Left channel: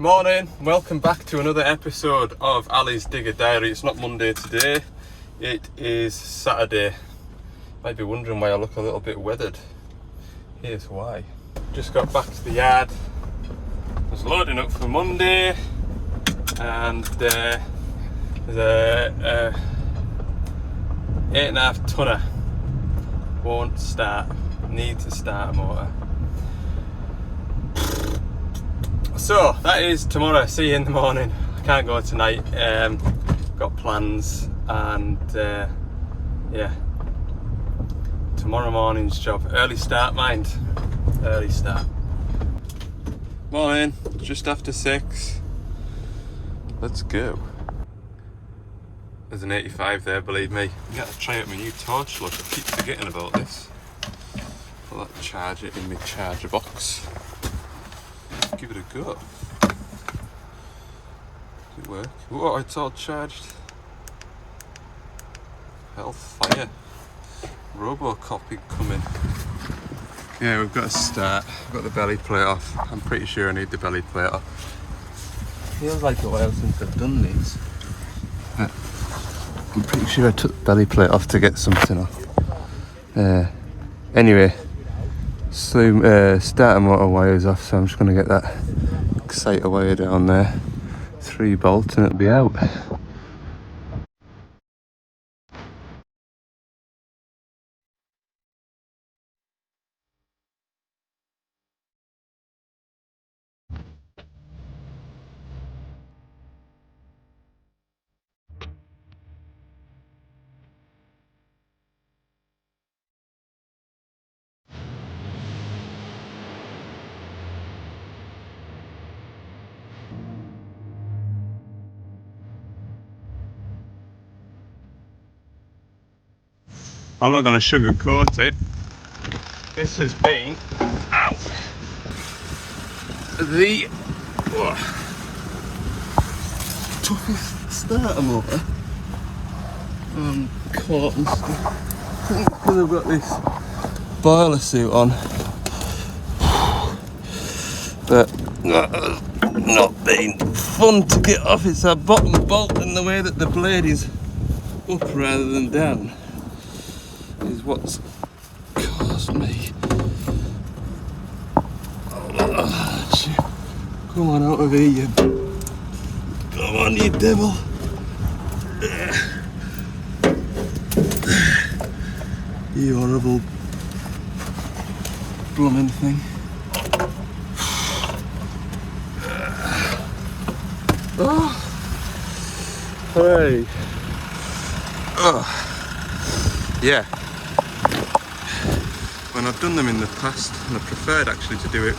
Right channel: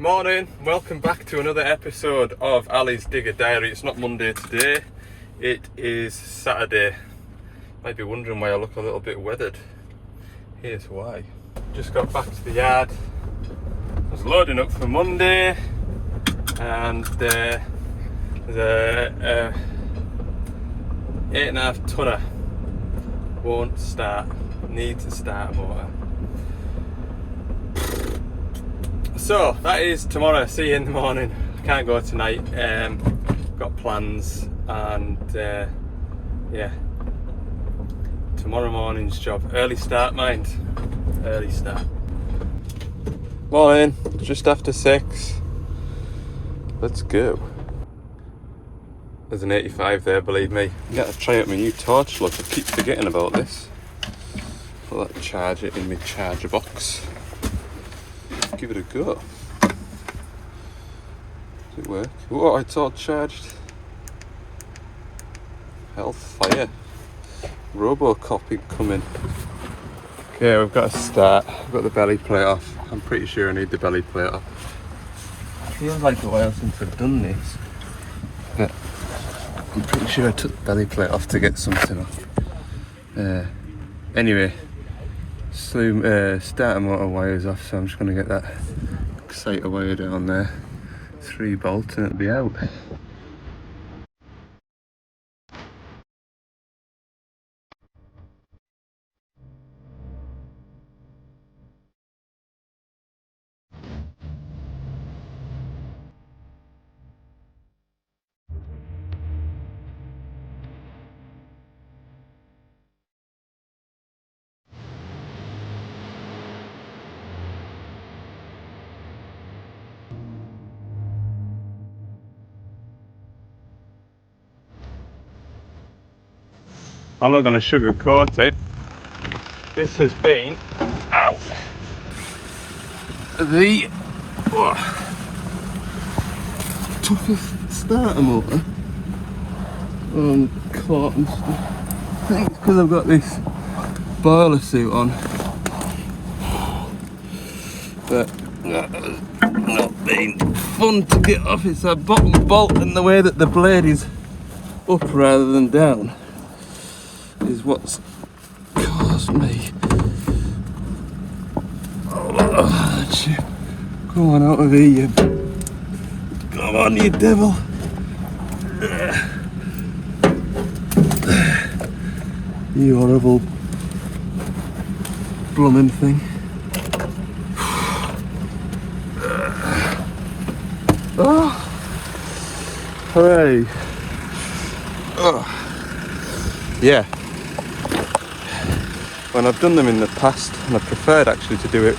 Morning, welcome back to another episode of Ali's Digger Diary. It's not Monday today, it is Saturday. Might be wondering why I look a little bit weathered. Here's why. Just got back to the yard, was loading up for Monday, and there's a 8.5 tonner won't start, needs a starter motor. So that is tomorrow. See you in the morning. I can't go tonight. Got plans, and yeah, tomorrow morning's job. Early start, mind. Early start. Morning. Just after 6. Let's go. There's an 85 there, believe me. I gotta try out my new torch look. I keep forgetting about this. Put that charger in my charger box. Give it a go. Does it work? Oh, it's all charged. Hellfire. Robocop coming. Yeah, we've got to start. I've got the belly plate off. I'm pretty sure I need the belly plate off. Feels like a while since I've done this, but I'm pretty sure I took the belly plate off to get something off. Anyway. So starter motor wires off, so I'm just going to get that exciter wire down there, 3 bolts, and it'll be out. I'm not going to sugarcoat it. This has been the toughest starter motor on court and stuff. I think it's because I've got this boiler suit on, but not been fun to get off. It's a bottom bolt, and the way that the blade is up rather than down is what's caused me. Oh, come on out of here, you. Come on, you devil. You horrible blooming thing. Oh. Hey. Oh. Yeah. When I've done them in the past, and I preferred actually to do it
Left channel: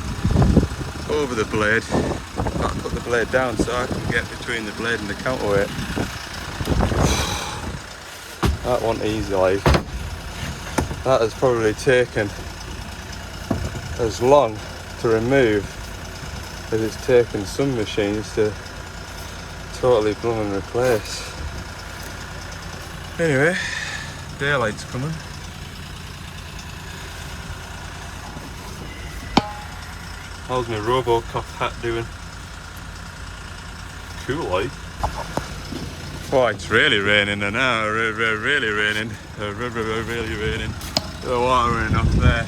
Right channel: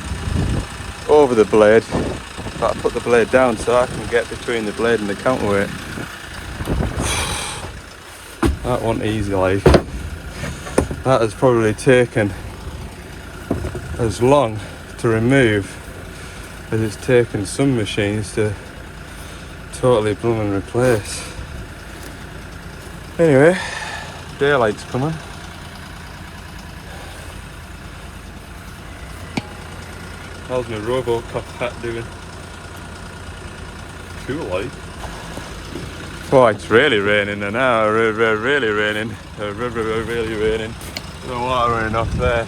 over the blade, but I put the blade down so I can get between the blade and the counterweight. That wasn't easy, like. That has probably taken as long to remove as it's taken some machines to totally blooming replace. Anyway, daylight's coming. How's my Robocop hat doing? Cool, like. Oh, it's really raining now. Really raining. Really raining. The water running off there.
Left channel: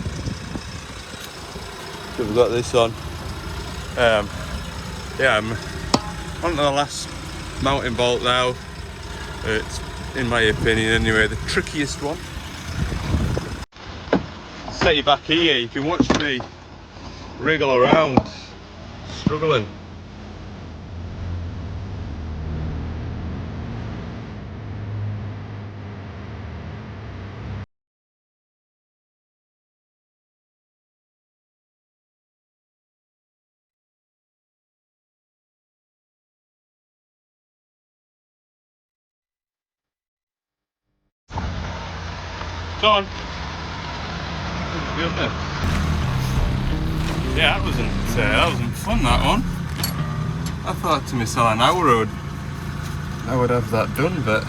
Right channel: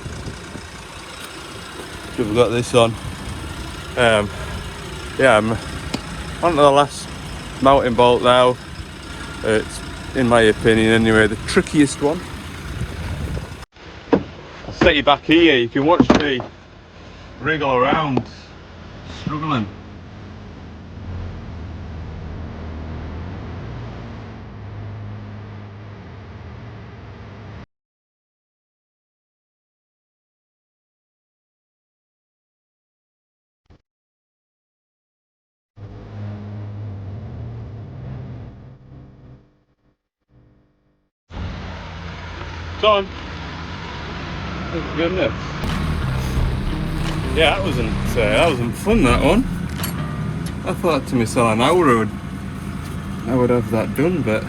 We've got this on. Yeah, I'm on to the last mountain bolt now. It's, in my opinion anyway, the trickiest one. I'll set you back here. You can watch me wriggle around, struggling. It's on. That was good, isn't it? Yeah, that wasn't fun, that one. I thought to myself an hour I would have that done, but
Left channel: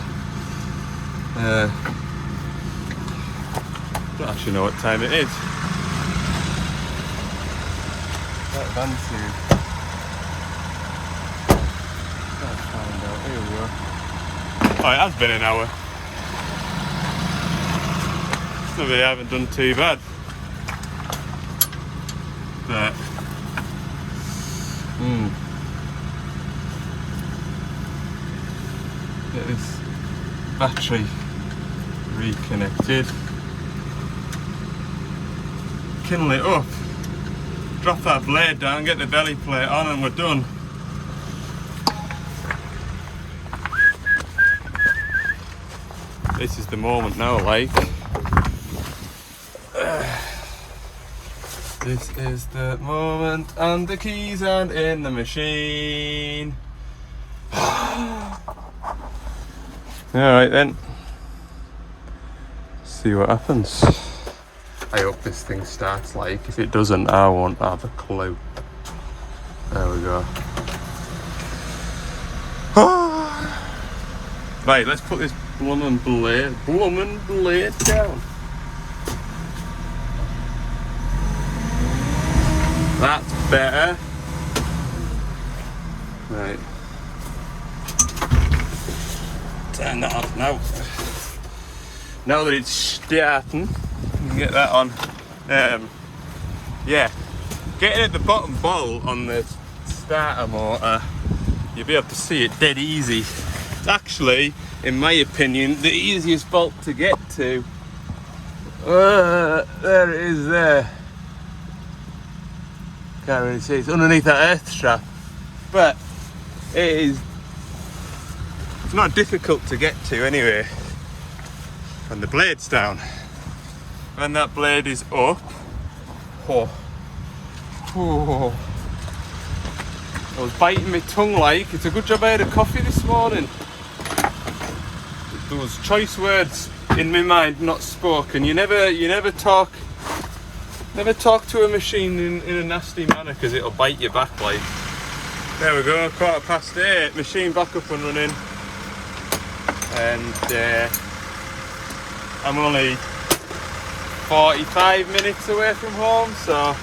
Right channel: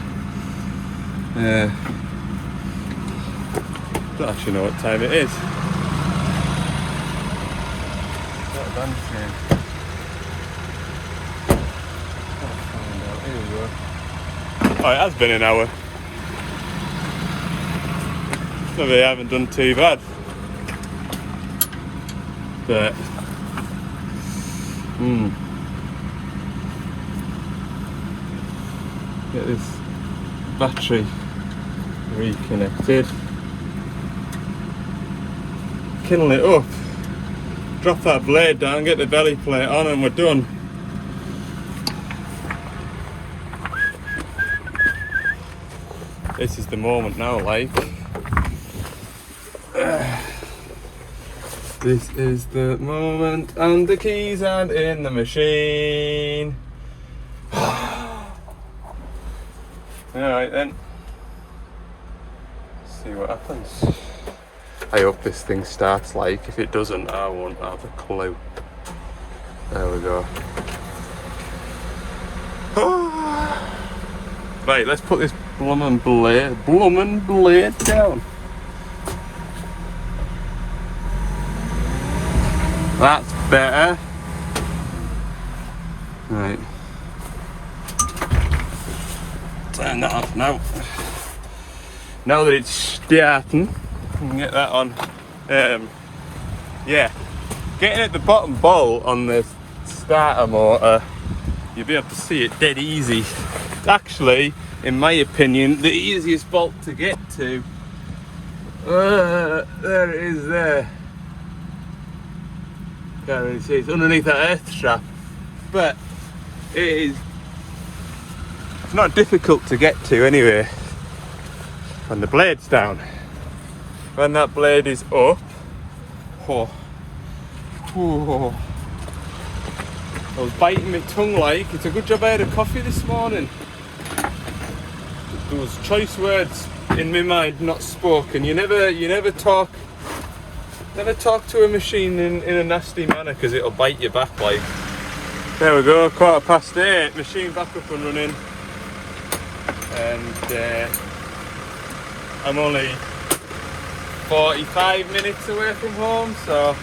don't actually know what time it is. Start dancing. Oh, it has been an hour. Maybe I haven't done too bad. But get this battery reconnected. Kindle it up. Drop that blade down, get the belly plate on, and we're done. This is the moment now, like. This is the moment, and the keys aren't in the machine. Alright then. See what happens. I hope this thing starts, like. If it doesn't, I won't have a clue. There we go. Right, let's put this bloomin' blade down. That's better. Right. Turn that off now. Now that it's starting, we can get that on. Yeah. Getting at the bottom bolt on the starter motor, you'll be able to see it dead easy. Actually, in my opinion, the easiest bolt to get to. There it is there. Can't really see, it's underneath that earth strap. But it is not difficult to get to anyway. When the blade's down. When that blade is up. I was biting my tongue like. It's a good job I had a coffee this morning. There was choice words in my mind not spoken. You never talk to a machine in a nasty manner because it'll bite you back like. There we go, 8:15, machine back up and running. And I'm only 45 minutes away from home, so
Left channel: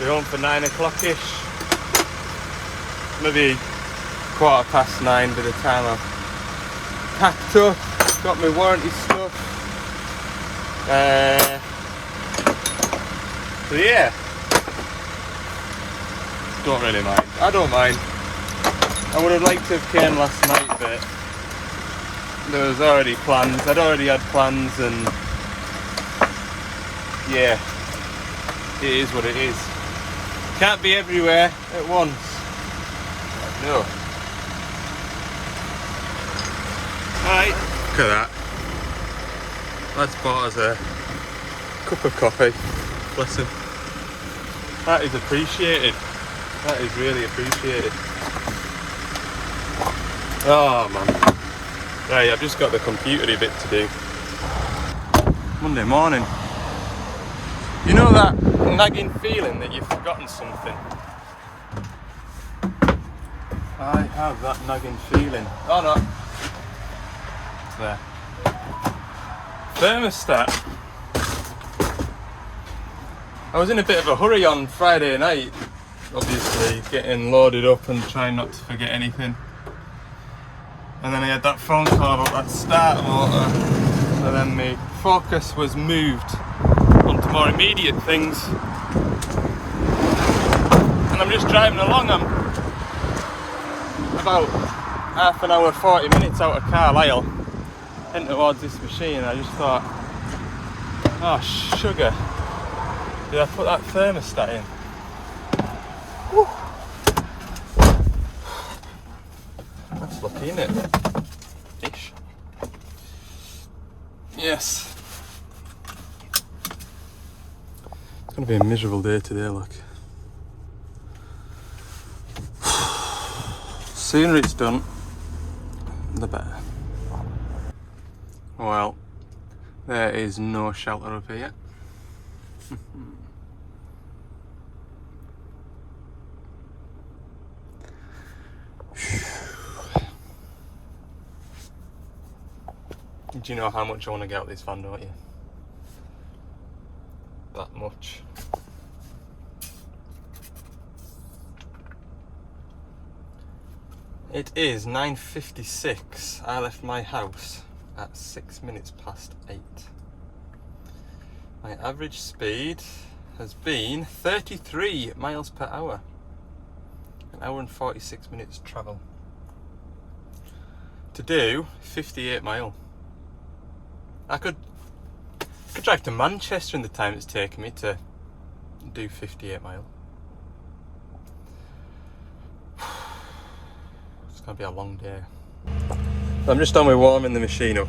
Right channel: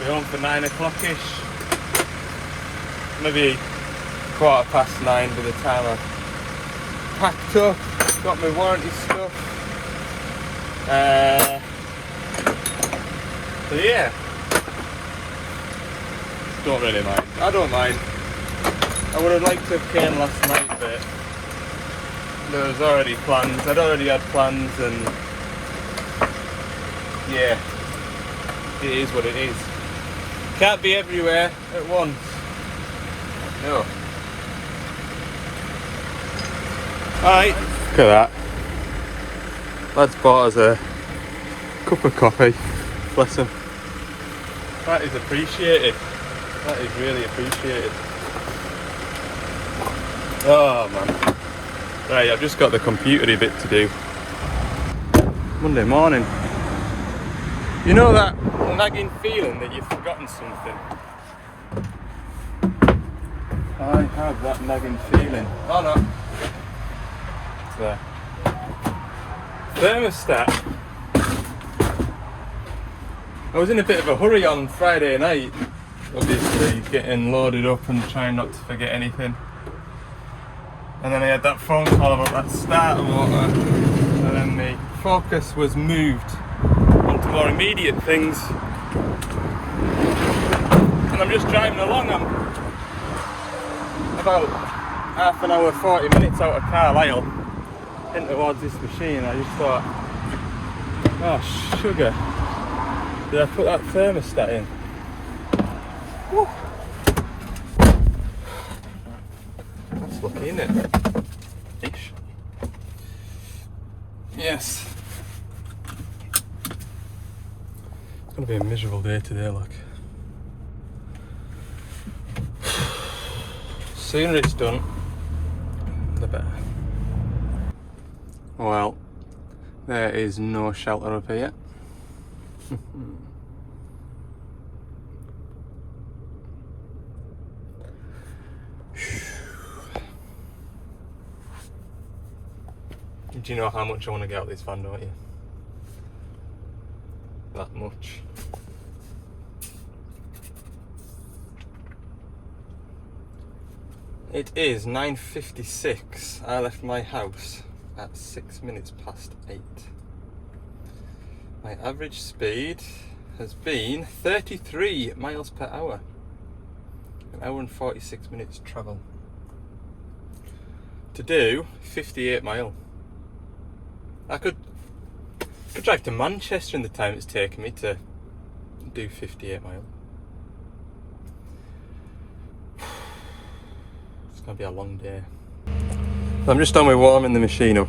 we're home for 9 o'clock-ish. Maybe 9:15 by the time I've packed up, got my warranty stuff. So yeah, don't really mind. I don't mind. I would have liked to have came last night, but there was already plans. I'd already had plans, and yeah, it is what it is. Can't be everywhere at once. No. Alright, look at that. Lad's bought us a cup of coffee. Bless him. That is appreciated. That is really appreciated. Oh man. Right, I've just got the computery bit to do. Monday morning. You know that nagging feeling that you've forgotten something? I have that nagging feeling. Oh no. It's there. Thermostat. I was in a bit of a hurry on Friday night, obviously getting loaded up and trying not to forget anything. And then I had that phone call about that starter motor, so then my focus was moved onto more immediate things. And I'm just driving along, I'm about half an hour, 40 minutes out of Carlisle, heading towards this machine, and I just thought, oh sugar. Did I put that thermostat in? Woo. That's lucky, isn't it? Ish. Yes. It's going to be a miserable day today, look. The sooner it's done, the better. Well, there is no shelter up here. Do you know how much I want to get out of this van, don't you? That much. It is 9:56. I left my house at 6 minutes past 8. My average speed has been 33 miles per hour. An hour and 46 minutes travel. To do 58 mile. I could drive to Manchester in the time it's taken me to do 58 mile. It's going to be a long day. I'm just on with warming the machine up.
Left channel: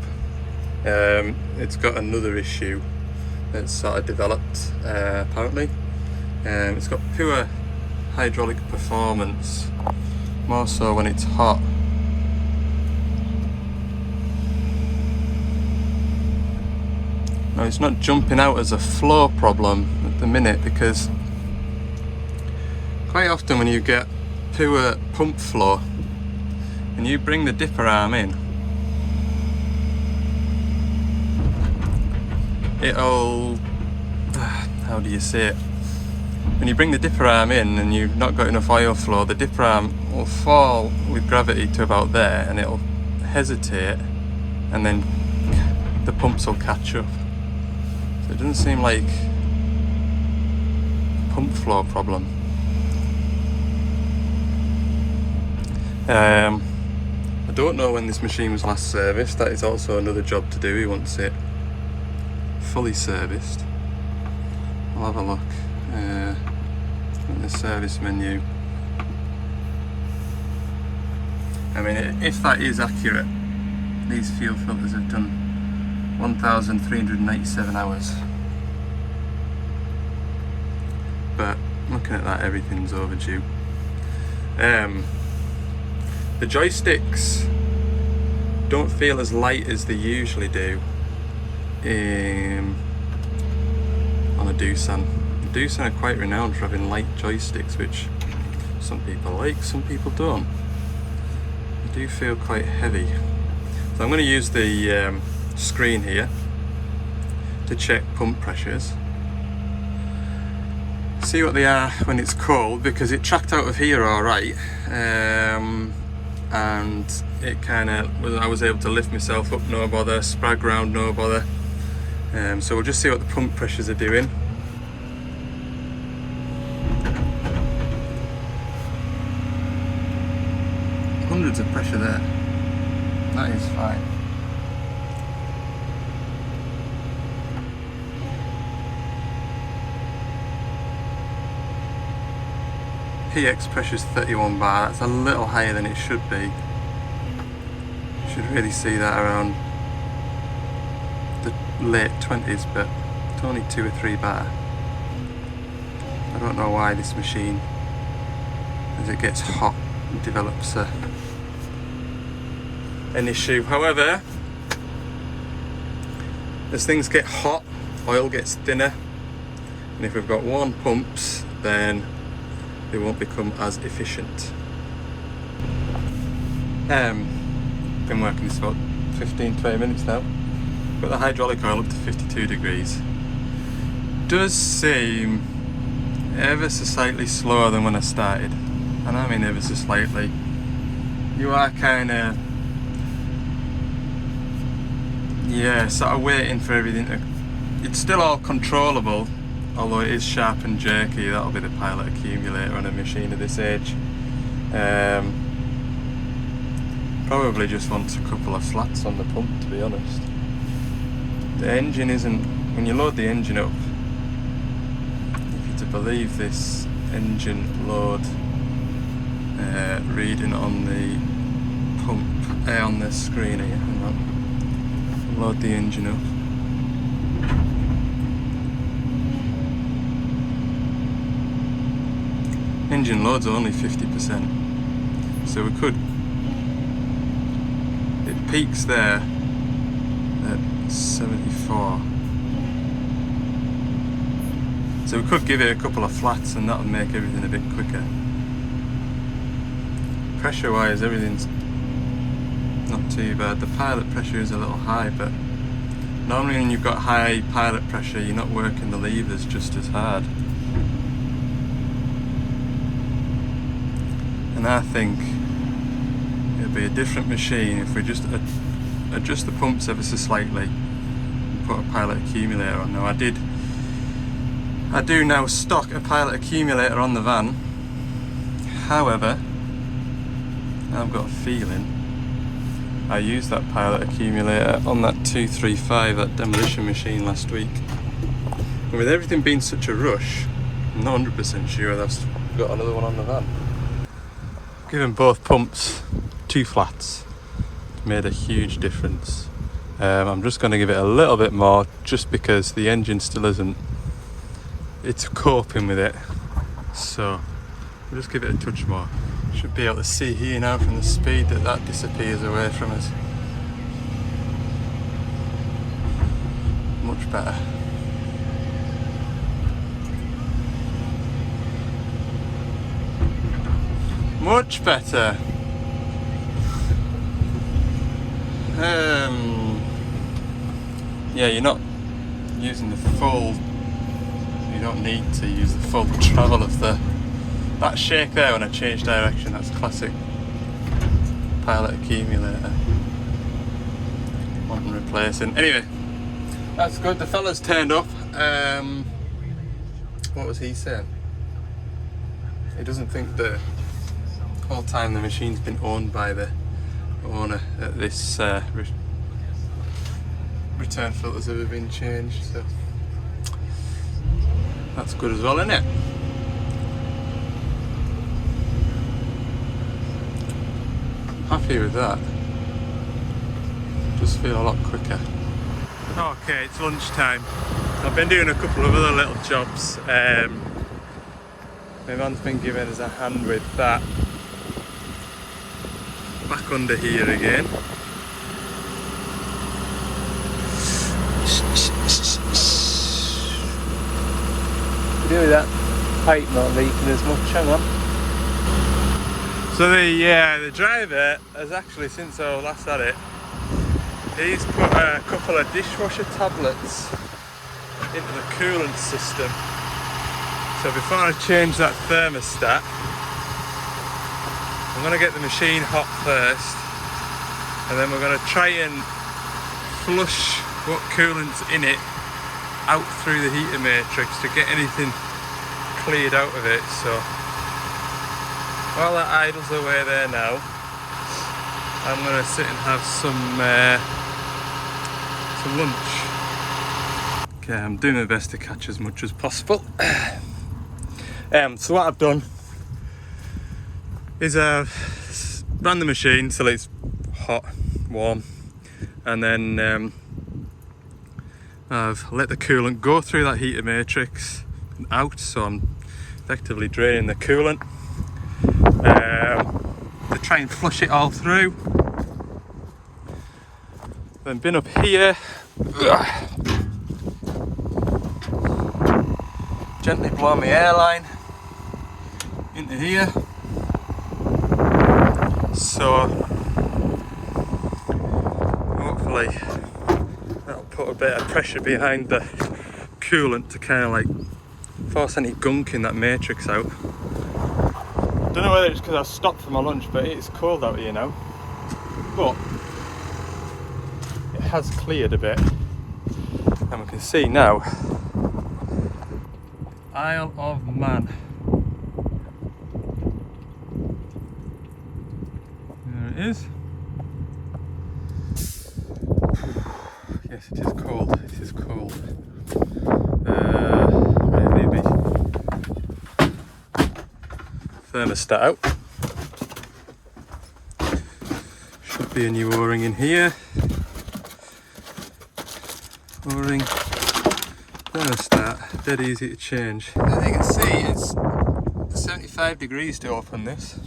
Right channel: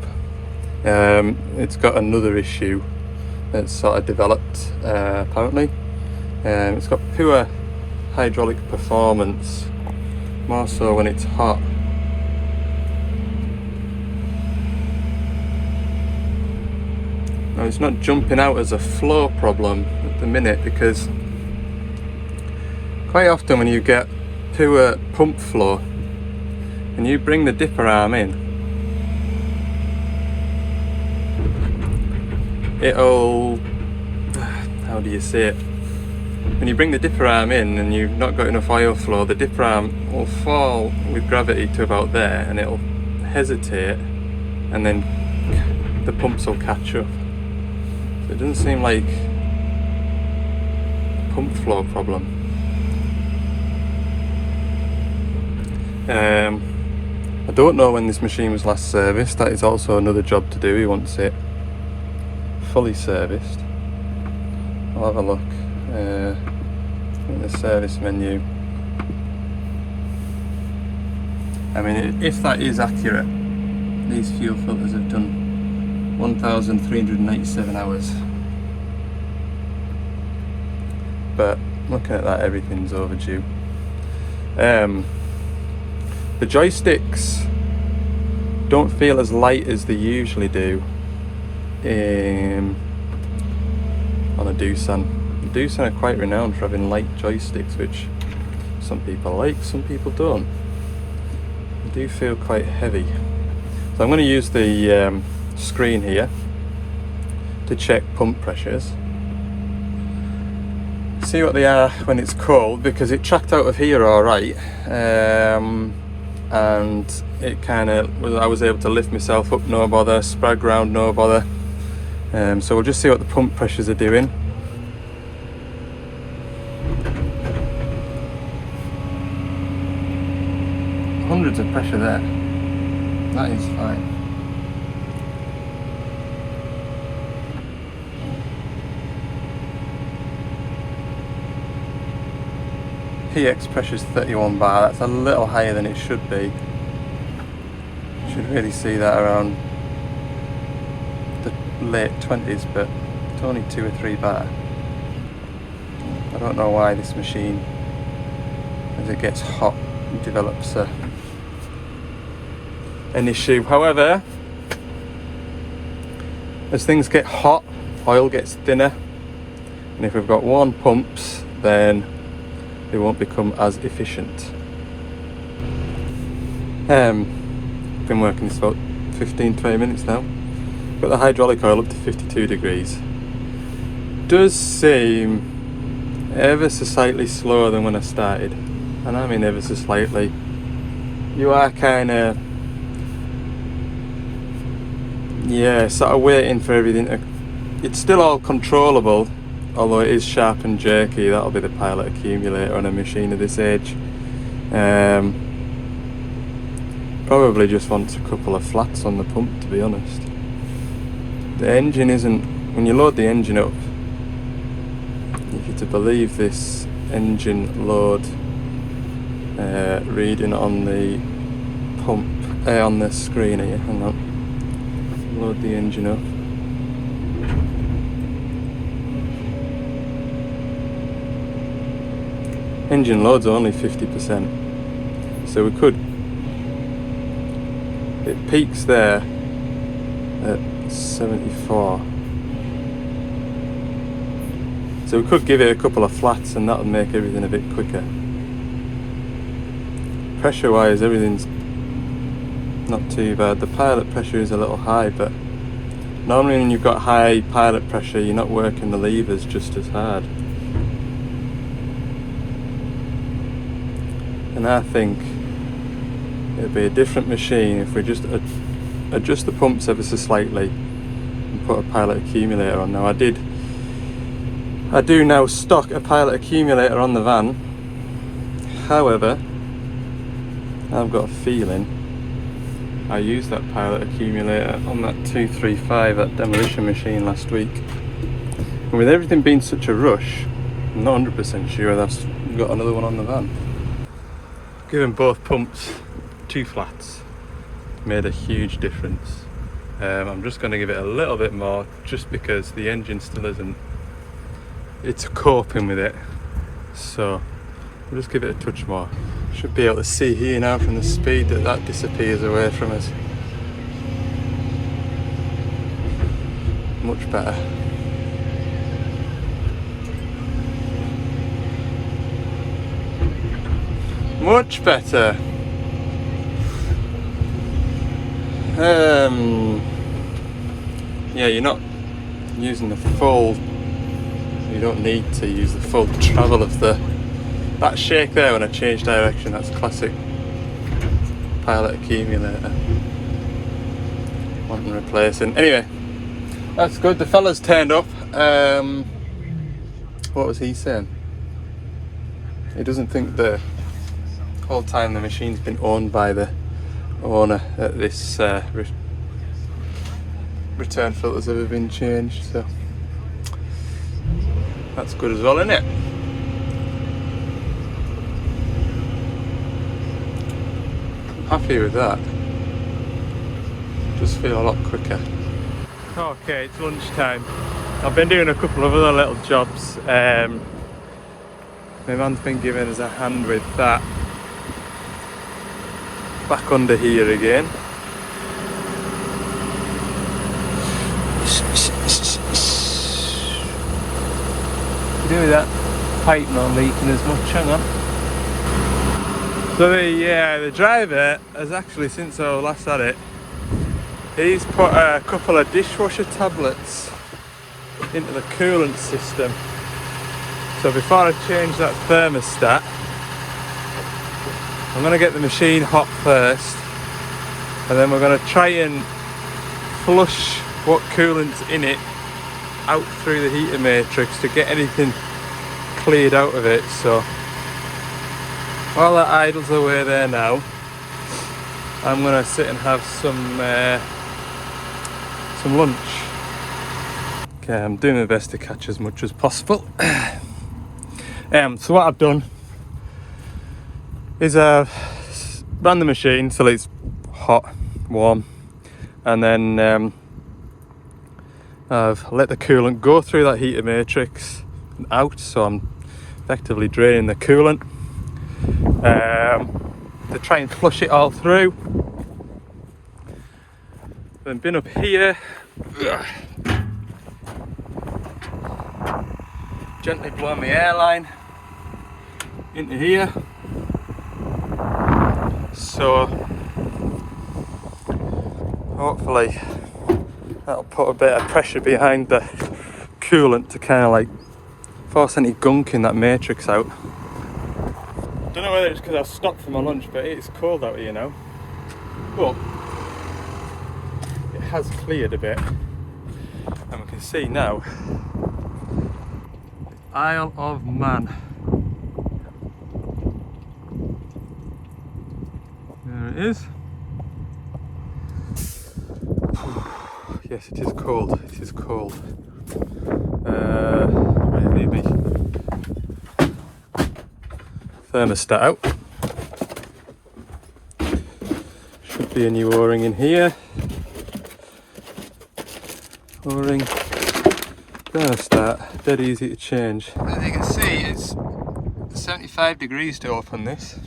It's got another issue that's sort of developed apparently. It's got poor hydraulic performance, more so when it's hot. Now it's not jumping out as a flow problem at the minute, because quite often when you get poor pump flow and you bring the dipper arm in, it'll, how do you say it? When you bring the dipper arm in and you've not got enough oil flow, the dipper arm will fall with gravity to about there and it'll hesitate, and then the pumps will catch up. So it doesn't seem like a pump flow problem. I don't know when this machine was last serviced. That is also another job to do. He wants it fully serviced. I'll have a look in the service menu. I mean, if that is accurate, these fuel filters have done 1,397 hours. But looking at that, everything's overdue. The joysticks don't feel as light as they usually do on a Doosan. Doosan are quite renowned for having light joysticks, which some people like, some people don't. They do feel quite heavy. So I'm going to use the screen here to check pump pressures. See what they are when it's cold, because it tracked out of here alright. And it kind of, I was able to lift myself up, no bother, sprag round, no bother. So we'll just see what the pump pressures are doing. Hundreds of pressure there. That is fine. PX pressure is 31 bar. That's a little higher than it should be. Should really see that around the late 20s, but it's only 2 or 3 bar. I don't know why this machine, as it gets hot, develops an issue. However, as things get hot, oil gets thinner, and if we've got worn pumps, then they won't become as efficient. Been working this about 15-20 minutes now. Got the hydraulic oil up to 52 degrees. Does seem ever so slightly slower than when I started, and I mean ever so slightly. You are kind of, yeah, sort of waiting for everything to, it's still all controllable, although it is sharp and jerky. That'll be the pilot accumulator on a machine of this age. Probably just wants a couple of flats on the pump, to be honest. The engine isn't, when you load the engine up, if you're to believe this engine load reading on the pump, on the screen here, hang on. Load the engine up. Engine load's only 50%, so we could, it peaks there at 74, so we could give it a couple of flats and that would make everything a bit quicker. Pressure wise, everything's not too bad. The pilot pressure is a little high, but normally when you've got high pilot pressure, you're not working the levers just as hard. And I think it'd be a different machine if we just adjust the pumps ever so slightly and put a pilot accumulator on. Now I do now stock a pilot accumulator on the van. However, I've got a feeling I used that pilot accumulator on that 235, that demolition machine last week. And with everything being such a rush, I'm not 100% sure that's got another one on the van. Giving both pumps 2 flats made a huge difference. I'm just going to give it a little bit more just because the engine still isn't, it's coping with it. So we'll just give it a touch more. Should be able to see here now from the speed that disappears away from us. Much better. Much better. Yeah, you're not using the full, you don't need to use the full travel of that shake there when I change direction. That's classic pilot accumulator. Wanting replacing. Anyway, that's good. The fella's turned up. What was he saying? He doesn't think the whole time the machine's been owned by the owner that this return filters ever been changed, so that's good as well, isn't it? Happy with that. Just feel a lot quicker. Okay, it's lunchtime. I've been doing a couple of other little jobs. My man's been giving us a hand with that. Back under here again. Do that pipe not leaking as much, hang on. So the driver has actually, since I last had it, he's put a couple of dishwasher tablets into the coolant system. So before I change that thermostat, I'm going to get the machine hot first, and then we're going to try and flush what coolant's in it out through the heater matrix to get anything cleared out of it. So while that idles away there now, I'm going to sit and have some lunch. Okay, I'm doing my best to catch as much as possible. So what I've done is I've ran the machine till it's hot, warm, and then I've let the coolant go through that heater matrix and out, so I'm effectively draining the coolant to try and flush it all through. Then been up here, gently blow my airline into here. So hopefully that'll put a bit of pressure behind the coolant to kind of like force any gunk in that matrix out. Don't know whether it's because I stopped for my lunch, but it's cold out here now. But it has cleared a bit, and we can see now Isle of Man. There it is. Yes, it is cold. It is cold. Maybe thermostat out. Should be a new O-ring in here. O-ring, thermostat, dead easy to change. As you can see, it's 75 degrees to open this.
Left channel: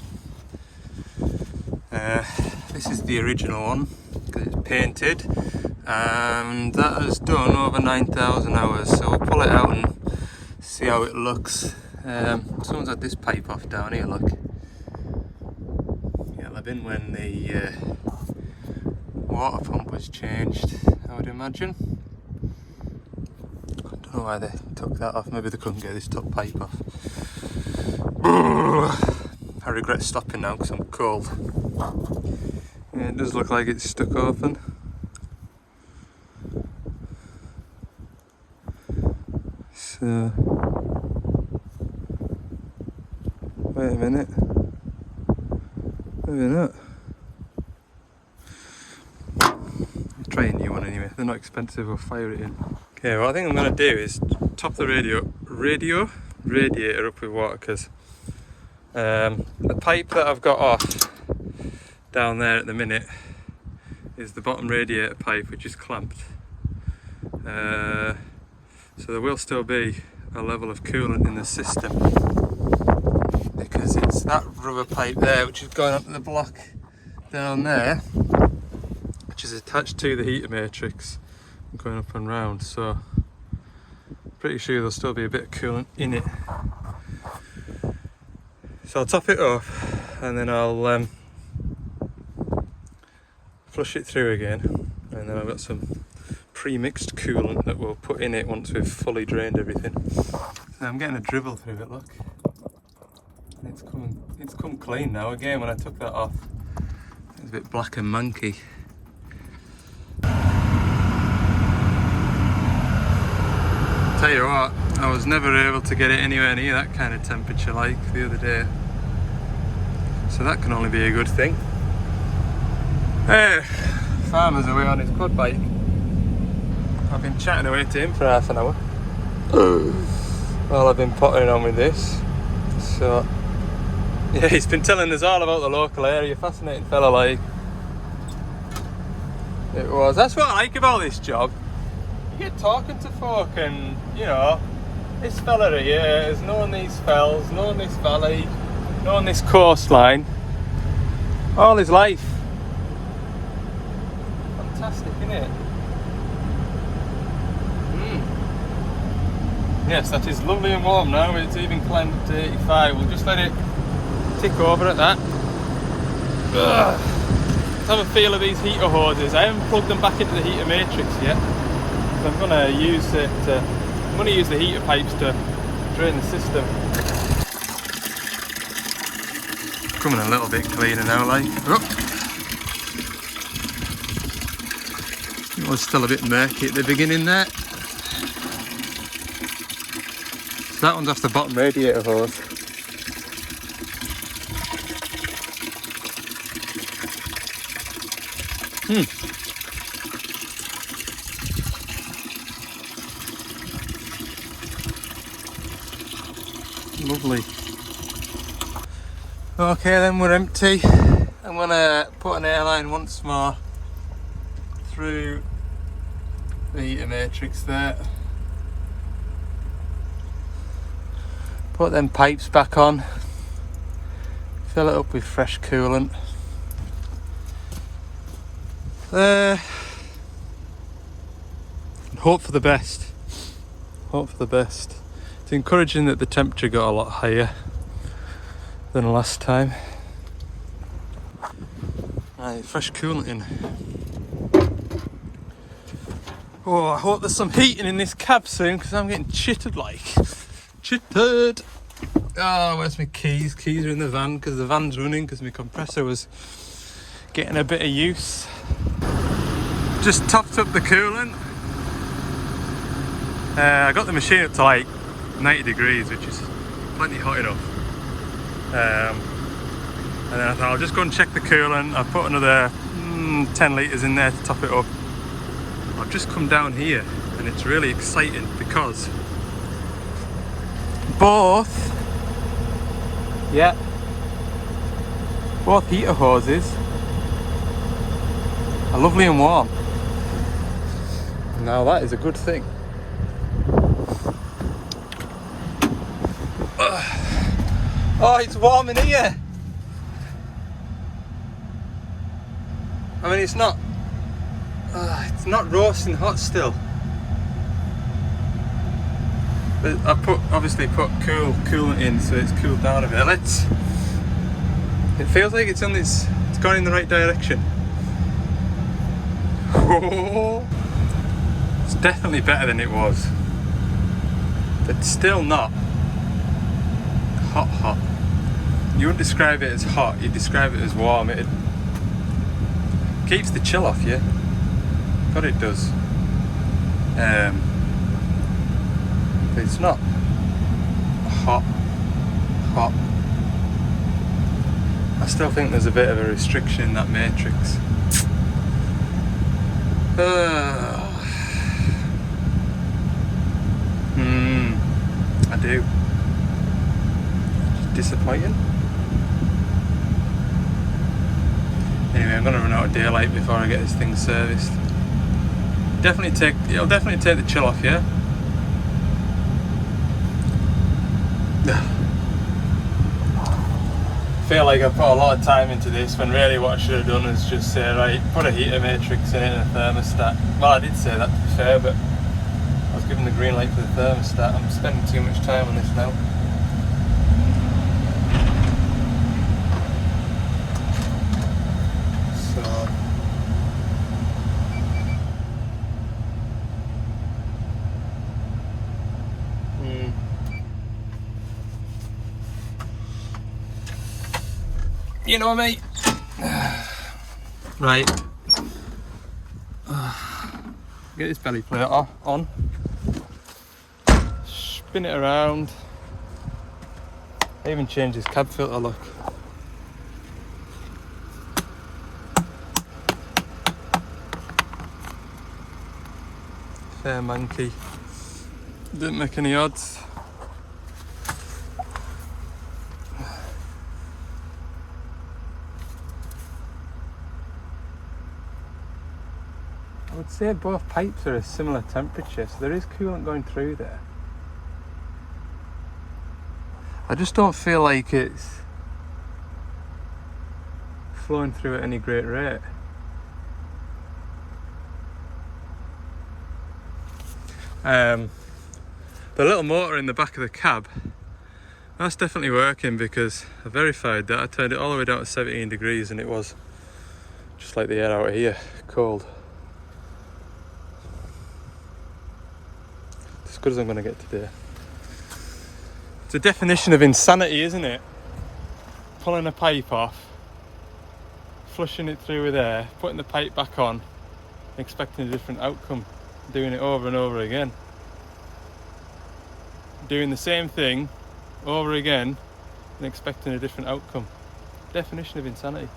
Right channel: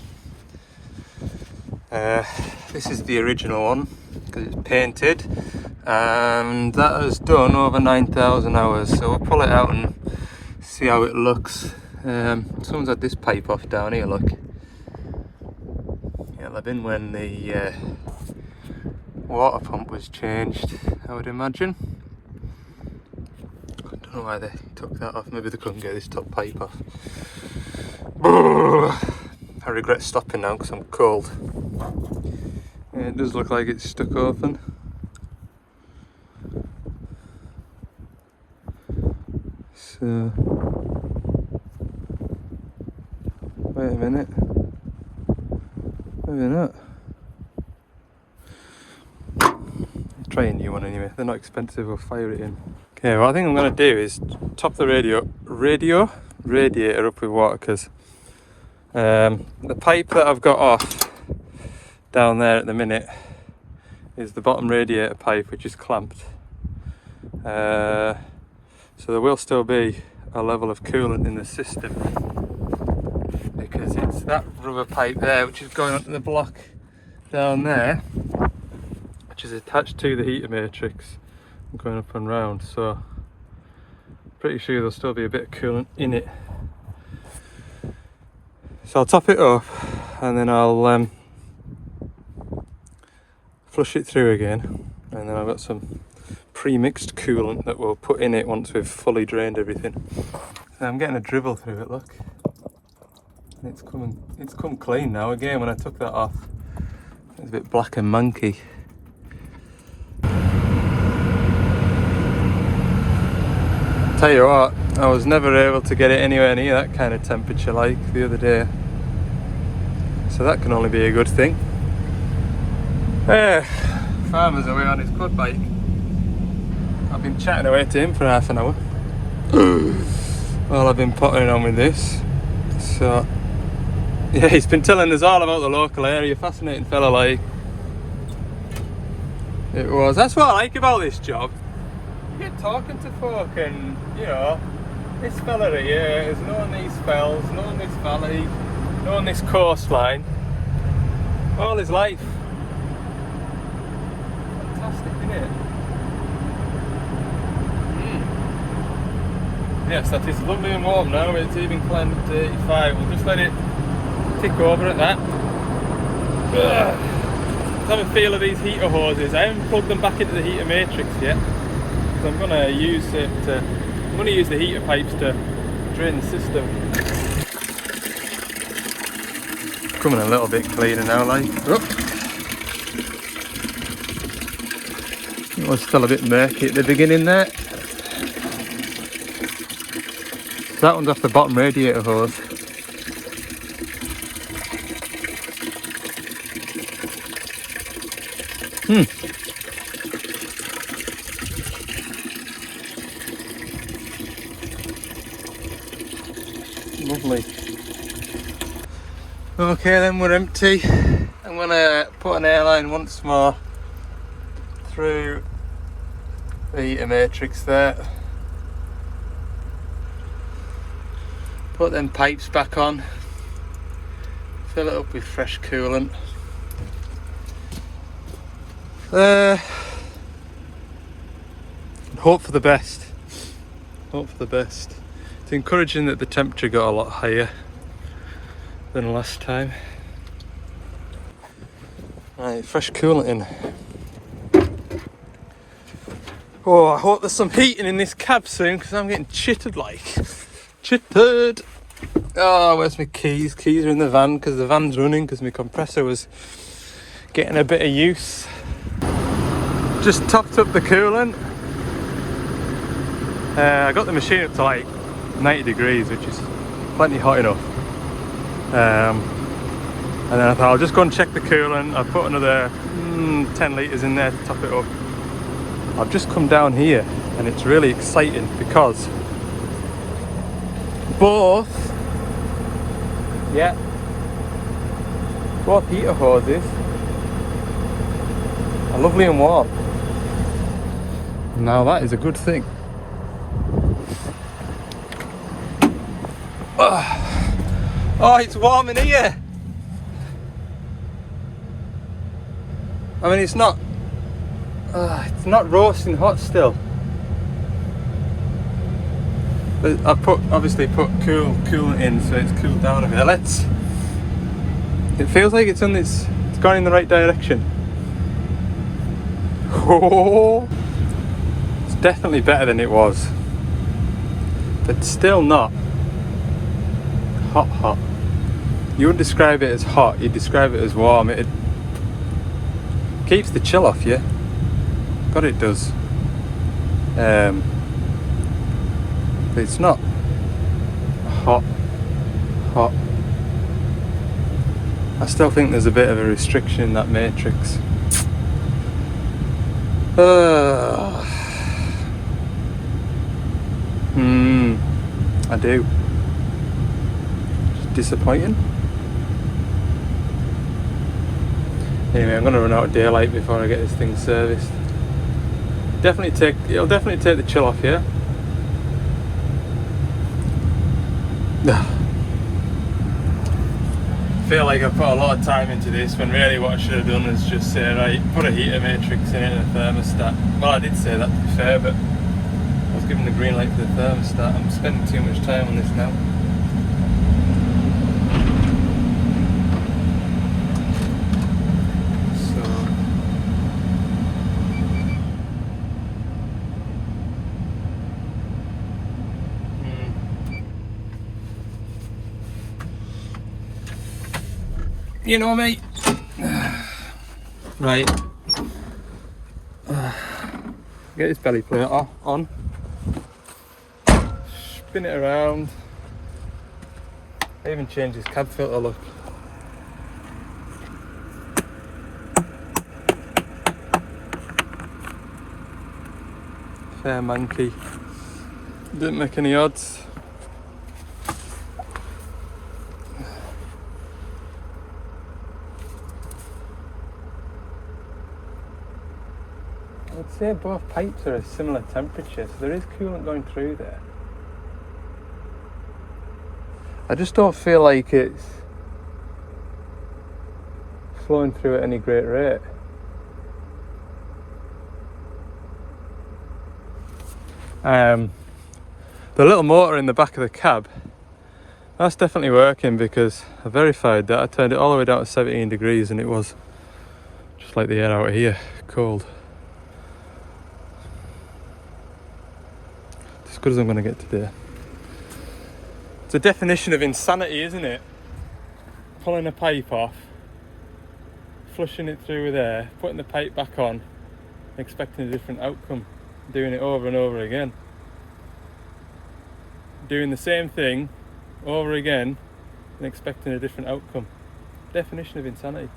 This is the original one because it's painted, and that has done over 9,000 hours. So we'll pull it out and see how it looks. Someone's had this pipe off down here, look. Yeah, they've been when the water pump was changed, I would imagine. I don't know why they took that off. Maybe they couldn't get this top pipe off. I regret stopping now because I'm cold. Yeah, it does look like it's stuck open. So, wait a minute. Maybe not. Try a new one anyway. They're not expensive. We'll fire it in. Okay, what I think I'm going to do is top the radiator up with water, because the pipe that I've got off down there at the minute is the bottom radiator pipe, which is clamped. So there will still be a level of coolant in the system, because it's that rubber pipe there which is going onto the block down there, which is attached to the heater matrix and going up and round. So pretty sure there'll still be a bit of coolant in it. So I'll top it up and then I'll flush it through again, and then I've got some pre-mixed coolant that we'll put in it once we've fully drained everything. So I'm getting a dribble through it, look. It's come clean now. Again, when I took that off, it was a bit black and manky. Tell you what, I was never able to get it anywhere near that kind of temperature like the other day. So that can only be a good thing. Farmer's away on his quad bike. I've been chatting away to him for half an hour while I've been pottering on with this. So yeah, he's been telling us all about the local area. Fascinating fella, like. It was. That's what I like about this job. You get talking to folk, and you know, this fella here has known these fells, known this valley, known this coastline all his life. Fantastic, isn't it? Yes, that is lovely and warm now. It's even climbed up to 85. We'll just let it tick over at that. Let's have a feel of these heater hoses. I haven't plugged them back into the heater matrix yet, because I'm going to use it to, I'm going to use the heater pipes to drain the system. Coming a little bit cleaner now, like. Oh. It was still a bit murky at the beginning there. So that one's off the bottom radiator hose. Lovely. Okay, then we're empty. I'm gonna put an airline once more through the heater matrix there. Put them pipes back on. Fill it up with fresh coolant. And hope for the best. Hope for the best. It's encouraging that the temperature got a lot higher than last time. Right, fresh coolant in. Oh, I hope there's some heating in this cab soon, because I'm getting chittered like. Chittered! Oh, where's my keys? Keys are in the van, because the van's running, because my compressor was getting a bit of use. Just topped up the coolant. I got the machine up to like 90 degrees, which is plenty hot enough. And then I thought I'll just go and check the coolant. I'll put another 10 litres in there to top it up. I've just come down here and it's really exciting, because both heater hoses are lovely and warm. Now that is a good thing. Oh, it's warm in here. I mean, it's not roasting hot still. But I obviously put coolant in, so it's cooled down a bit. It feels like it's gone in the right direction. Oh, it's definitely better than it was, but still not hot. You wouldn't describe it as hot, you'd describe it as warm. It keeps the chill off you. God, it does. It's not hot. I still think there's a bit of a restriction in that matrix. I do. Disappointing. Anyway, I'm gonna run out of daylight before I get this thing serviced. It'll definitely take the chill off, yeah. I feel like I put a lot of time into this when really what I should have done is just say, right, put a heater matrix in and a thermostat. Well, I did say that to be fair, but I was given the green light for the thermostat. I'm spending too much time on this now. You know me. Right. Get this belly plate on. Spin it around. I even changed this cab filter, look. Fair monkey. Didn't make any odds. I would say both pipes are a similar temperature, so there is coolant going through there. I just don't feel like it's flowing through at any great rate. The little motor in the back of the cab, that's definitely working because I verified that. I turned it all the way down to 17 degrees and it was just like the air out of here, cold. As good as I'm going to get today. It's a definition of insanity, isn't it? Pulling a pipe off, flushing it through with air, putting the pipe back on, and expecting a different outcome. Doing it over and over again. Doing the same thing over again and expecting a different outcome. Definition of insanity.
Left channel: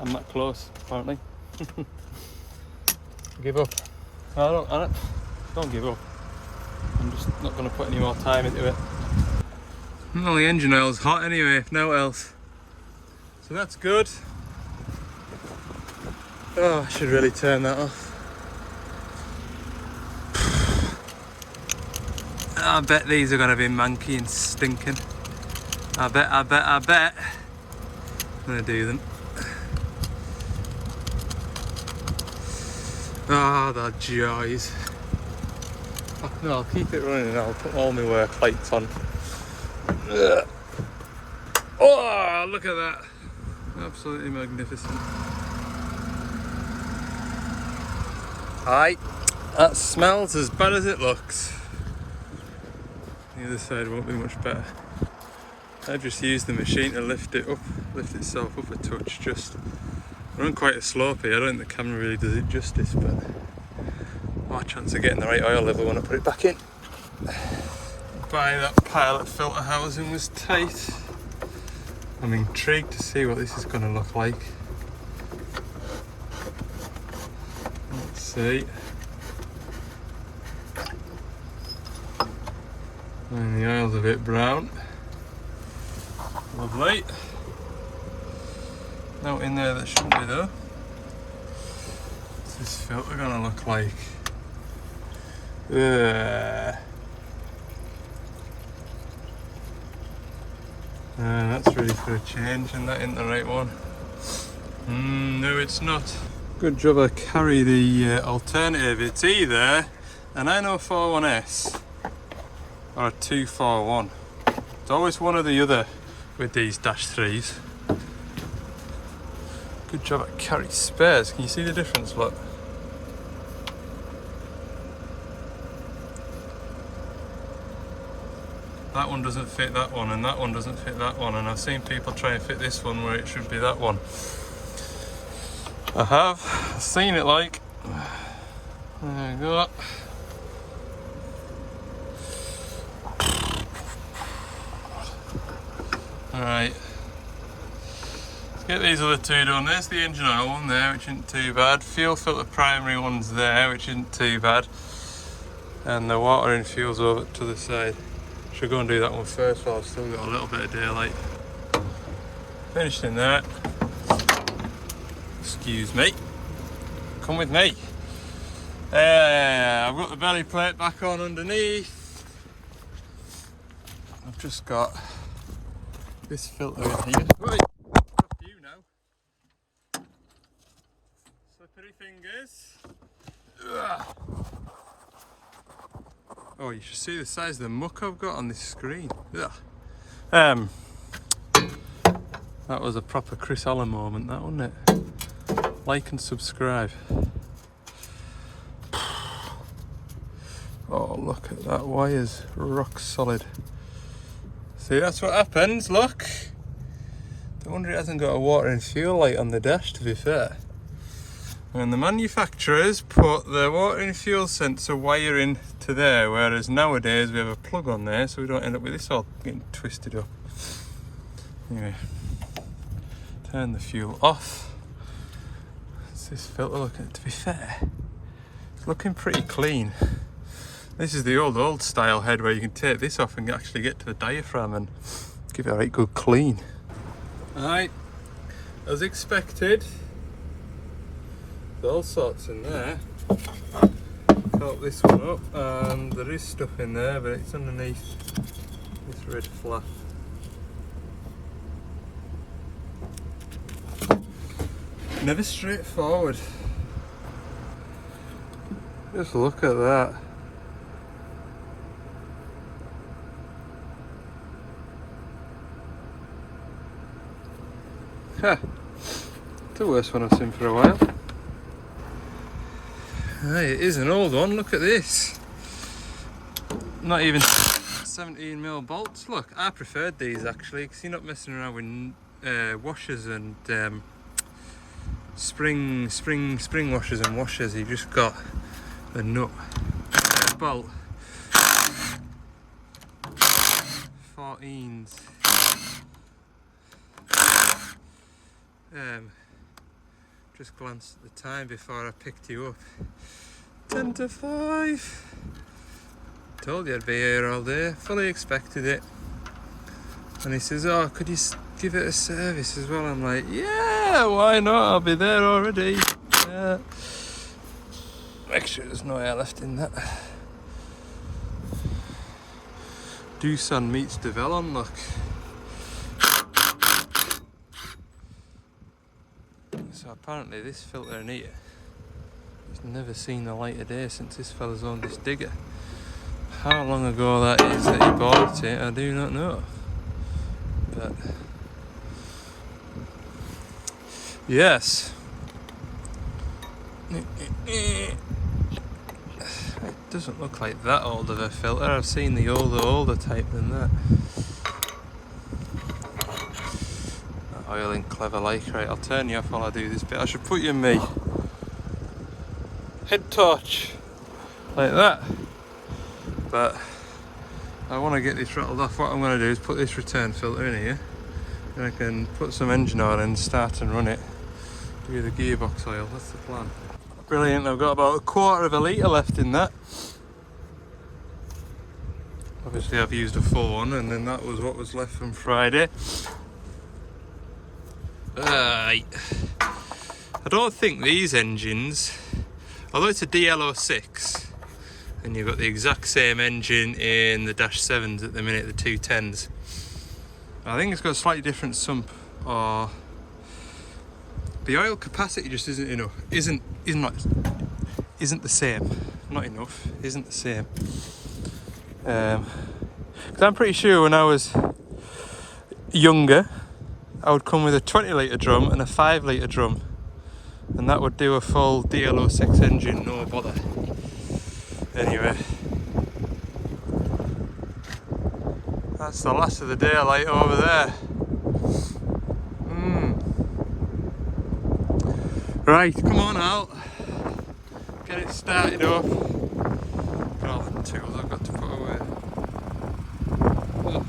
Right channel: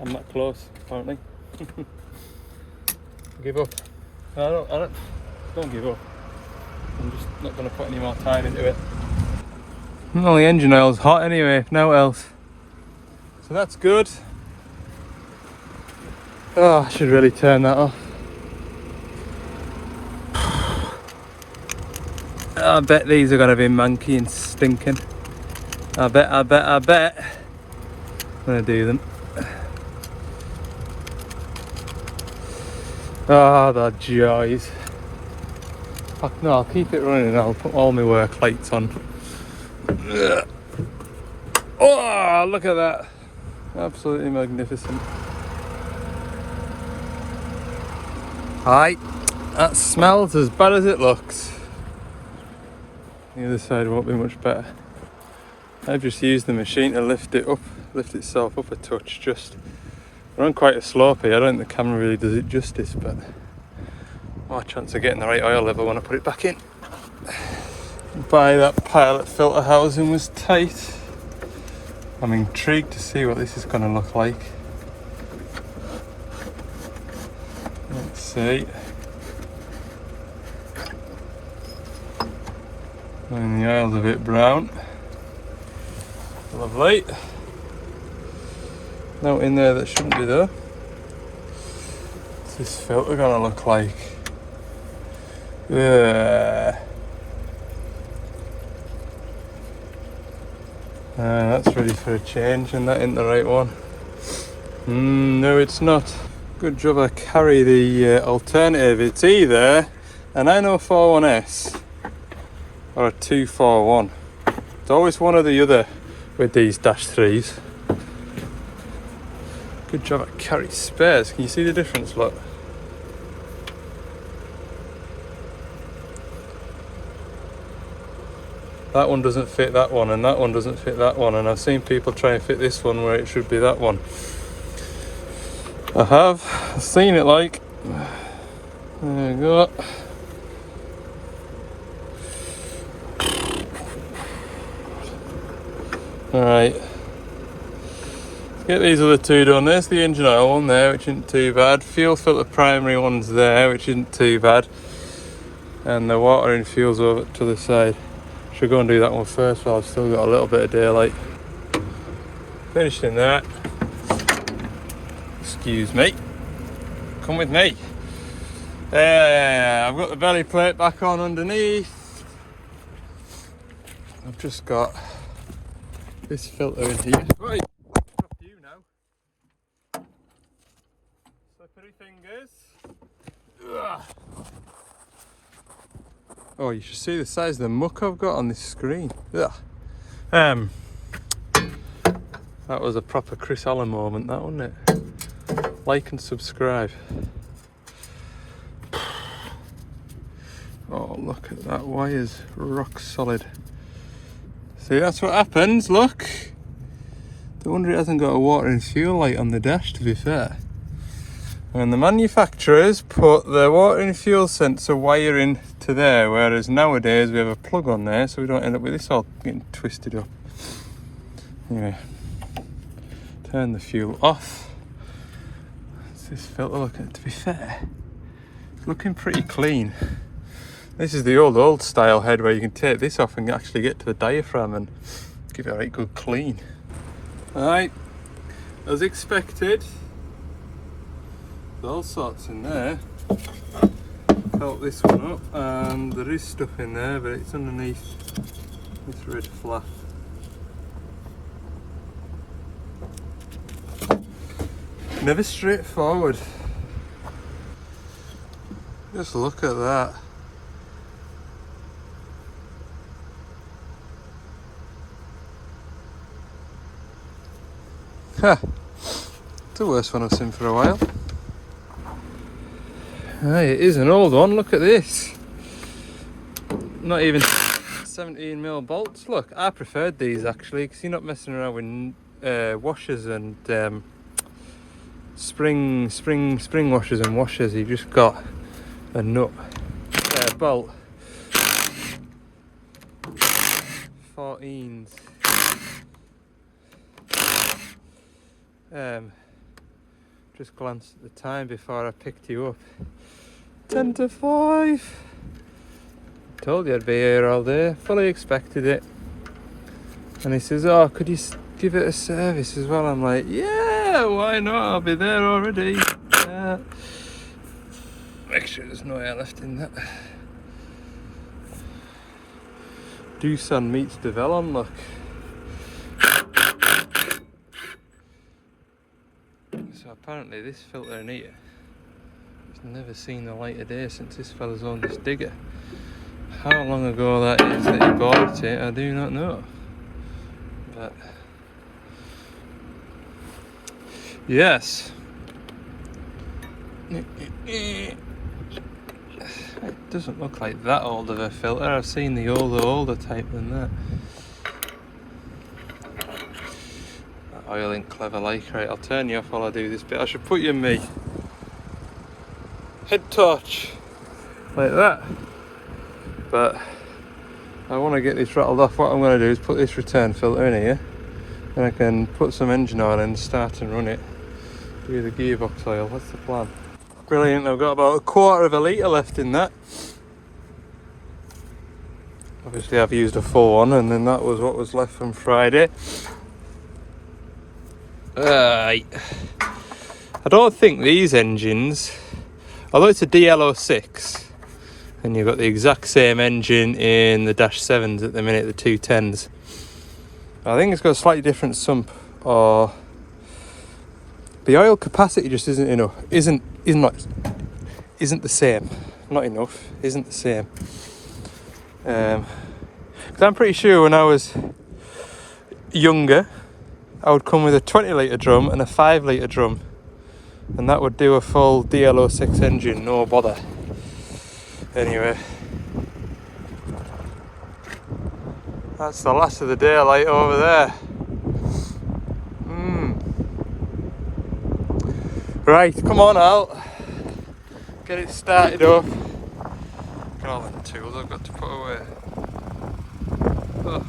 I'm that close, apparently. Give up. I don't give up. I'm just not going to put any more time into it. Well, the engine oil's hot anyway, if no else. So that's good. Oh, I should really turn that off. I bet these are going to be manky and stinking. I bet. I'm going to do them. Oh, the joys. No, I'll keep it running and I'll put all my work lights on. Oh, look at that. Absolutely magnificent. Aye, that smells as bad as it looks. The other side won't be much better. I just used the machine to lift itself up a touch. We're on quite a slope here. I don't think the camera really does it justice, but more chance of getting the right oil level when I put it back in. By that pilot filter housing was tight. I'm intrigued to see what this is going to look like. Let's see. And the oil's a bit brown. Lovely. Now in there that shouldn't be there. What's this filter going to look like? That's ready for a change and that ain't the right one. No, it's not. Good job I carry the alternative. It's either an 9041S or a 241. It's always one or the other with these Dash 3s. Good job I carry spares. Can you see the difference? Look. that one doesn't fit that one, and that one doesn't fit that one, and I've seen people try and fit this one where it should be that one. I've seen it like. There we go. Alright. Get these other two done. There's the engine oil one there, which isn't too bad. Fuel filter primary one's there, which isn't too bad. And the water and fuel's over to the side. Should go and do that one first while I've still got a little bit of daylight. Finishing that. Excuse me. Come with me. I've got the belly plate back on underneath. I've just got this filter in here. You know. Slippery fingers. Ugh. Oh, you should see the size of the muck I've got on this screen. Ugh. That was a proper Chris Allen moment, that, wasn't it? Like and subscribe. Oh, look at that, wire's rock solid. See, that's what happens, look. No wonder it hasn't got a water and fuel light on the dash, to be fair. And the manufacturers put the water and fuel sensor wire in to there, whereas nowadays we have a plug on there, so we don't end up with this all getting twisted up. Anyway, turn the fuel off. What's this filter looking? To be fair, it's looking pretty clean. This is the old style head where you can take this off and actually get to the diaphragm and give it a right good clean. Alright, as expected, there's all sorts in there. Coat this one up, and there is stuff in there, but it's underneath this red flap. Never straightforward. Just look at that. Huh. It's the worst one I've seen for a while. Hey, it is an old one, look at this. Not even 17mm bolts. Look, I preferred these actually, because you're not messing around with washers and spring washers and washers. You've just got a nut bolt. 14s. Just glanced at the time before I picked you up. 10 to 5. Told you I'd be here all day. Fully expected it. And he says, oh, could you give it a service as well? I'm like, yeah, why not? I'll be there already. Yeah. Make sure there's no air left in that. Doosan meets Devellon, look. So apparently this filter in here has never seen the light of day since this fella's owned this digger. How long ago that is that he bought it, I do not know. But yes. It doesn't look like that old of a filter. I've seen the older type than that. Oil in clever like. Right, I'll turn you off while I do this bit. I should put you in me head torch like that, but I want to get this rattled off. What I'm going to do is put this return filter in here, and I can put some engine oil in, start and run it. Do the gearbox oil. That's the plan. Brilliant. I've got about 1/4 of a litre left in that. Obviously I've used a full one, and then that was what was left from Friday. I don't think these engines, although it's a DL06 and you've got the exact same engine in the Dash 7s at the minute, the 210s, I think it's got a slightly different sump, or the oil capacity just isn't enough, isn't the same, not enough, isn't the same. Because I'm pretty sure when I was younger I would come with a 20 litre drum and a 5 litre drum, and that would do a full DL06 engine, no bother. Anyway, That's the last of the daylight over there. Right, come on out. Get it started up. Look at all the tools I've got to put away. Oh,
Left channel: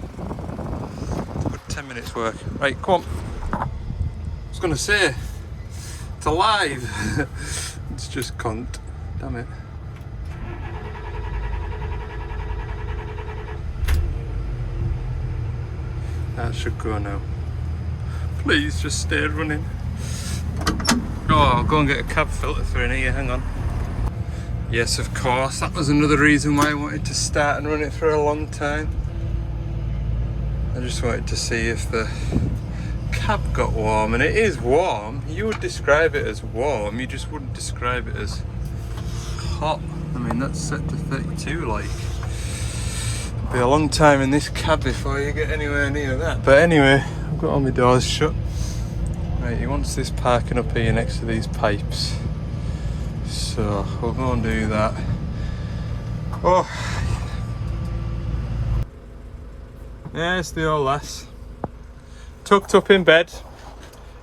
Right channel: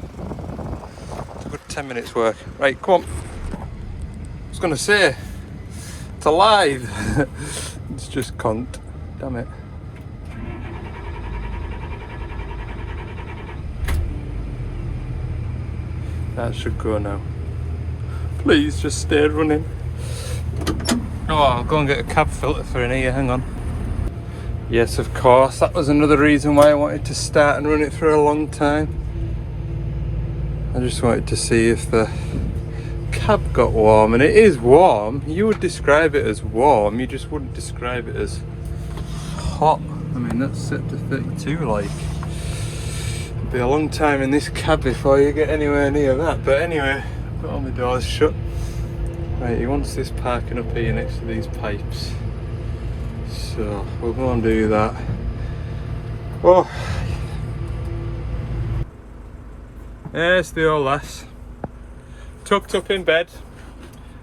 it's a good 10 minutes work. Right, come on. I was going to say, it's alive. It's just cunt. Damn it. That should go now. Please just stay running. Oh, I'll go and get a cab filter for in here, hang on. Yes, of course, that was another reason why I wanted to start and run it for a long time. I just wanted to see if the cab got warm, and it is warm. You would describe it as warm, you just wouldn't describe it as hot. I mean, that's set to 32, like. It'll be a long time in this cab before you get anywhere near that. But anyway, I've got all my doors shut. Right, he wants this parking up here next to these pipes. So we'll go and do that. Oh, there's the old lass, tucked up in bed.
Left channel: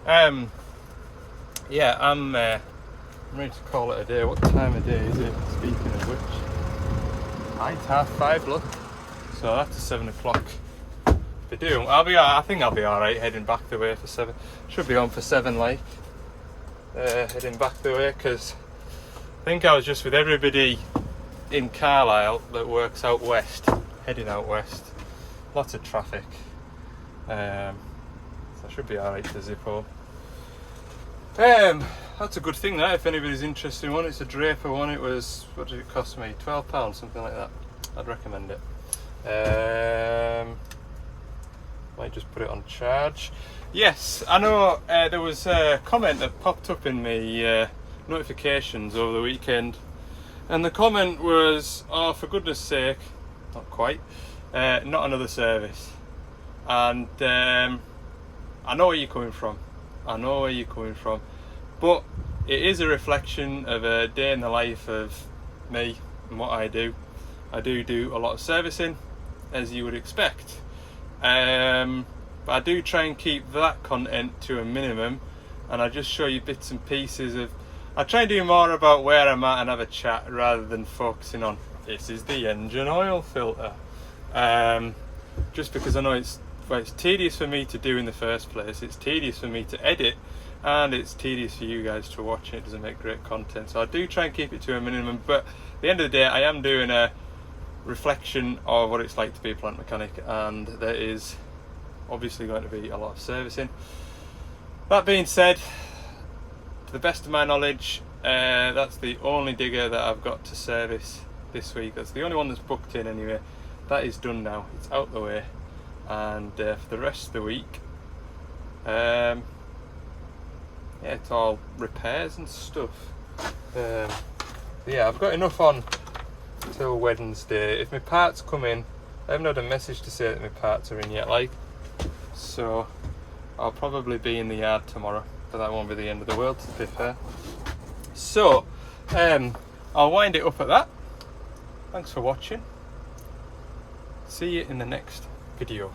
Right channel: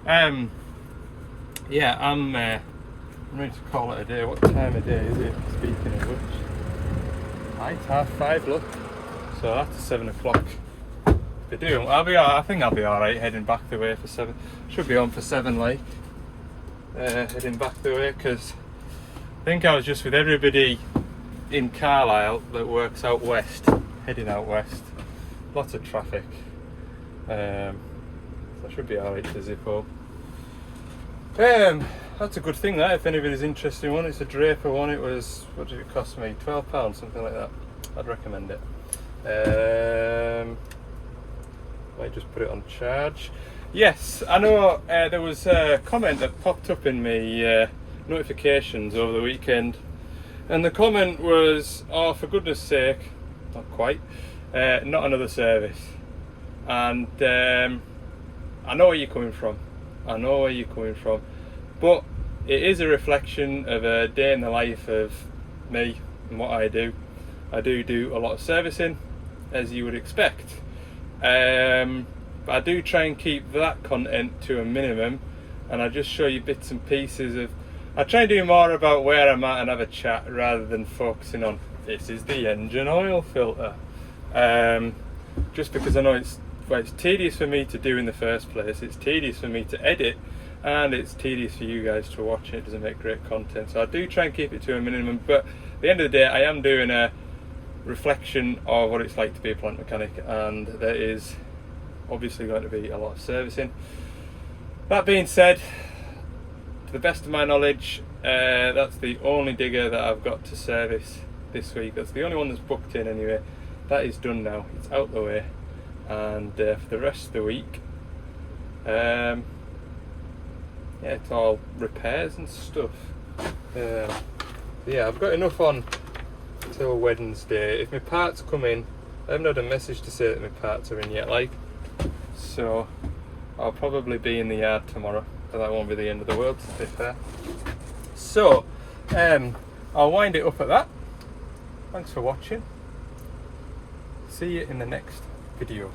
Yeah, I'm going to call it a day. What time of day is it? Speaking of which, it's 5:30, look. So that's 7 o'clock. If they do, I think I'll be alright heading back the way for 7. Should be on for 7, like. Heading back the way, because I think I was just with everybody in Carlisle that works out west, heading out west. Lots of traffic. So I should be alright to zip home. That's a good thing, that, if anybody's interested in one. It's a Draper one. It was, what did it cost me? £12, something like that. I'd recommend it. Might just put it on charge. Yes, I know there was a comment that popped up in my notifications over the weekend, and the comment was, oh, for goodness sake, not quite, not another service. And I know where you're coming from. I know where you're coming from, but it is a reflection of a day in the life of me and what I do. I do a lot of servicing, as you would expect. But I do try and keep that content to a minimum, and I just show you bits and pieces of. I try and do more about where I'm at and have a chat rather than focusing on this is the engine oil filter. Just because I know it's tedious for me to do in the first place, it's tedious for me to edit, and it's tedious for you guys to watch, and it doesn't make great content. So I do try and keep it to a minimum, but at the end of the day I am doing a reflection of what it's like to be a plant mechanic, and there is obviously going to be a lot of servicing. That being said, to the best of my knowledge, that's the only digger that I've got to service this week. That's the only one that's booked in anyway. That is done now, it's out the way, and for the rest of the week, yeah, it's all repairs and stuff. Yeah, I've got enough on till Wednesday. If my parts come in, I haven't had a message to say that my parts are in yet, like, so I'll probably be in the yard tomorrow, but that won't be the end of the world, to be fair. So I'll wind it up at that. Thanks for watching. See you in the next video.